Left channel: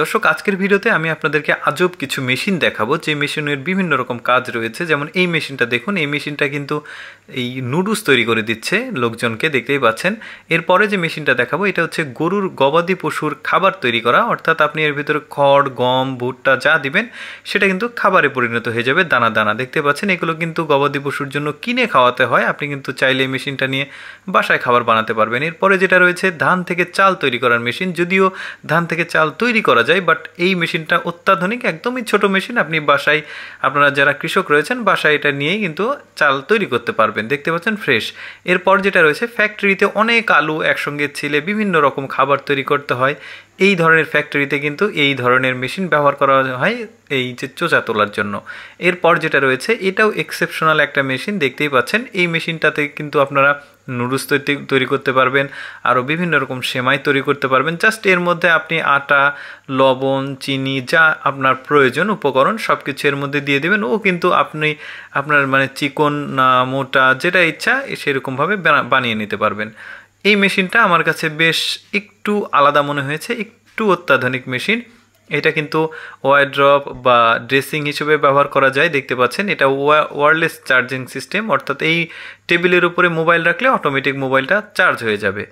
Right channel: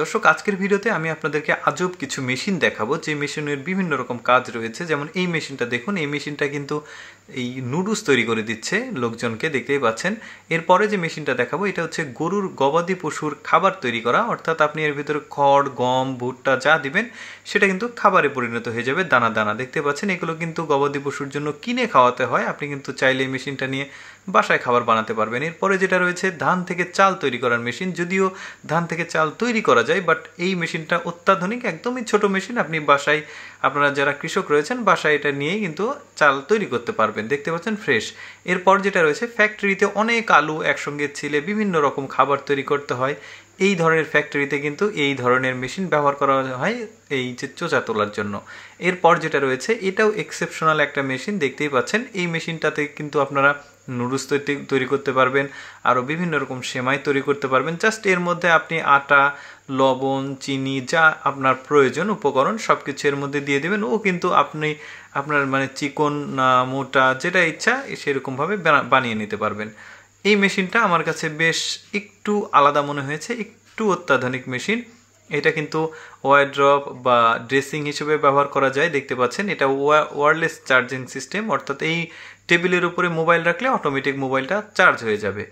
দর্শক আজকের ভিডিওতে আমি আপনাদেরকে আজব কিছু মেশিন দেখাবো যে মেশিনের বিভিন্ন রকম কাজ রয়েছে। যেমন এই মেশিনটা দেখুন, এই মেশিনটা কিন্তু এই নুডলস তৈরি করে দিচ্ছে লোকজনকে, দেখতেই পাচ্ছেন। এরপরে যে মেশিনটা দেখাবো এটা হচ্ছে গবাদি পশুর খাবার তৈরি করা, অর্থাৎ আপনি এর ভিতরে খড়, গম, ভুট্টা যা দিবেন সেটা কিন্তু খাবারে পরিণত হয়ে যাবে, দানা দানা। দেখতে পাচ্ছেন এগুলো কিন্তু গবাদি পশুর জন্য কিনে খাওয়াতে হয়, আপনি কিন্তু চাইলে এই মেশিনটা নিয়ে বাসায় খাবার বানাতে পারবেন। এরপরে যেটা রয়েছে ধান থেকে চাল তৈরি করার মেশিন। যদিও ধান থেকে চাল তৈরি করা যায়, বাট এই মেশিনটা অত্যাধুনিক, একদমই ছোট মেশিন। আপনি বাসায়, আপনারা যারা কৃষক রয়েছেন বাসায় এটা নিয়েই কিন্তু চাল তৈরি করতে পারবেন। দেখতে পাচ্ছেন ফ্রেশ। এরপর যেটা রয়েছে, ফ্যাক্টরিতে অনেক আলু একসঙ্গে ছিলে বিভিন্ন রকম খাবার তৈরি করতে হয়, এই ধরনের ফ্যাক্টরিতে কিন্তু এই ধরনের মেশিন ব্যবহার করা হয় এই যে চোচা তোলার জন্য। এরপর যেটা রয়েছে এটাও এক্সেপশনাল একটা মেশিন, দেখতেই পাচ্ছেন। এই মেশিনটাতে কিন্তু আপনারা নুডলস তৈরি করতে পারবেন, আরও বিভিন্ন রকম সেমাই তৈরি করতে পারবেন। জাস্ট এর মধ্যে আপনি আটা, লবণ, চিনি, যা আপনার প্রয়োজন উপকরণ সব কিছু এর মধ্যে দিয়ে দেবেন। ও কিন্তু আপনি আপনার মানে চিকন না মোটা যেটা ইচ্ছা সেরকমভাবে বানিয়ে নিতে পারবেন। এই মেশিনটা আমার কাছে বেশ একটু আলাদা মনে হয়েছে, একটু অত্যাধুনিক মেশিন। এটা কিন্তু ওয়ারড্রপ বা ড্রেসিং হিসেবে ব্যবহার করা যায়। দেখতে পাচ্ছেন এটা ওয়্যারলেস চার্জিং সিস্টেম, অর্থাৎ এই টেবিলের উপরে মোবাইল রাখলে অটোমেটিক মোবাইলটা চার্জ হয়ে যাবে।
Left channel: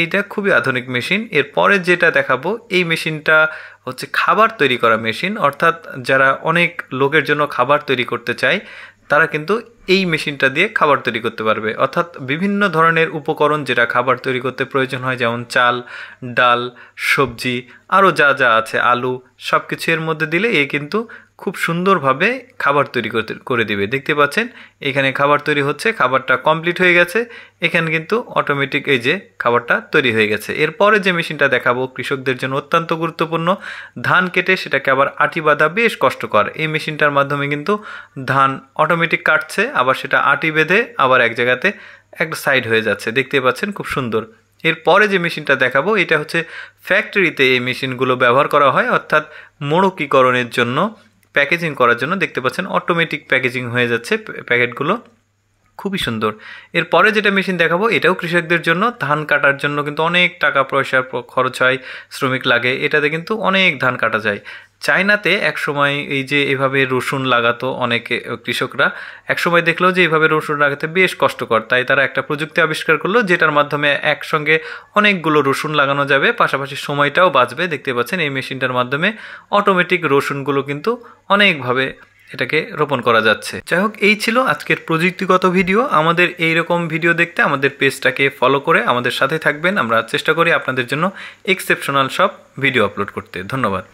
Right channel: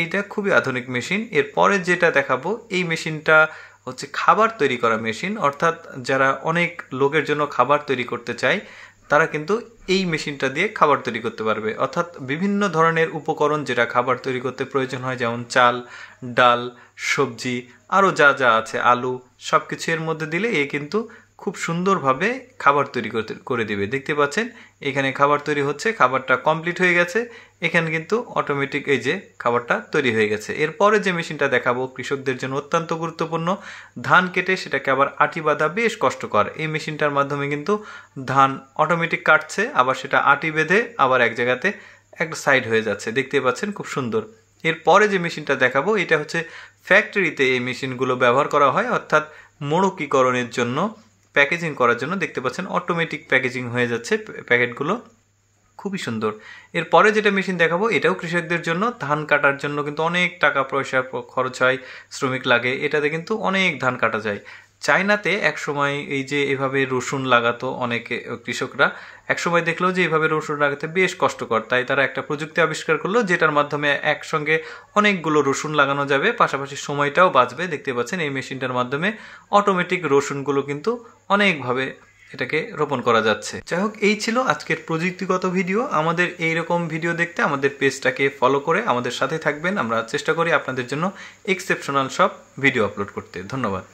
এইটা খুবই আধুনিক মেশিন। এরপরে যেটা দেখাবো এই মেশিনটা হচ্ছে খাবার তৈরি করা মেশিন, অর্থাৎ যারা অনেক লোকের জন্য খাবার তৈরি করতে চায় তারা কিন্তু এই মেশিনটা দিয়ে খাবার তৈরি করতে পারবে। অর্থাৎ বিভিন্ন ধরনের উপকরণ যেটা খাবার তৈরি করতে প্রয়োজন হয়, যেমন চাল, ডাল, সবজি, আরও যা যা আছে, আলু, সব কিছু এর মধ্যে দিলে এ কিন্তু খুব সুন্দরভাবে খাবার তৈরি করে দিবে। দেখতে পাচ্ছেন এখানে খাবার তৈরি হচ্ছে, খাবারটা কমপ্লিট হয়ে গেছে। এখানে কিন্তু অটোমেটিক এই যে খাবারটা তৈরি হয়ে গেছে। এরপরে যে মেশিনটা দেখাবো কৃষকদের জন্য অত্যন্ত গুরুত্বপূর্ণ। ধান কেটে সেটাকে আবার আটি বাঁধা বেশ কষ্টকর। এই মেশিনটার মাধ্যমে কিন্তু ধান অটোমেটিক কাটছে, আবার সেটা আটি বেঁধে আবার এক জায়গাতে একটা সাইড হয়ে যাচ্ছে। দেখতে পাচ্ছেন খুব সুন্দর। এরপরে যে মেশিনটা দেখাবো এটা হচ্ছে ফ্যাক্টরিতে এই মেশিনগুলো ব্যবহার করা হয়, অর্থাৎ মোড়কীকরণের জন্য, প্যাকেজিং করার জন্য। দেখতে পাচ্ছেন অটোমেটিক প্যাকেজিং হয়ে যাচ্ছে প্যাকেটগুলো, খুবই সুন্দর। এরপরে যেটা মেশিন দেখাবো এটাও কৃষকদের জন্য। ধান কাটার জন্য কিন্তু অনেক টাকা পয়সা খরচ হয়, শ্রমিক লাগে, এটাতে কিন্তু অনেক ধান কাটা যায়। চায়নাতে একসময় এই যে এভাবে রসুন লাগাতো অনেকে কৃষকরা, একসময় দেখলো যে এইভাবে রসুন লাগাতে বেশ কষ্টকর, তাই তারা একটা প্রযুক্তি আবিষ্কার করলো যেটার মাধ্যমে একসঙ্গে অনেকগুলো রসুন লাগানো যাবে, পাশাপাশি সময়টাও বাঁচবে। দেখতে পাচ্ছেন এই মেশিনটার মাধ্যমে অটোমেটিক রসুনগুলো কিন্তু অনেকভাবে এটাকে রোপণ করা যাচ্ছে। যাই হোক, এই ছিল আজকের প্রযুক্তিগত ভিডিও। আমাদের এইরকম ভিডিও দেখতে আমাদের পেজটাকে ফলো করে আমাদের সাথে থাকবেন। আমরা চেষ্টা করি আপনাদের জন্য এক্সেপশনাল সব ভিডিও আপলোড করতে। ধন্যবাদ।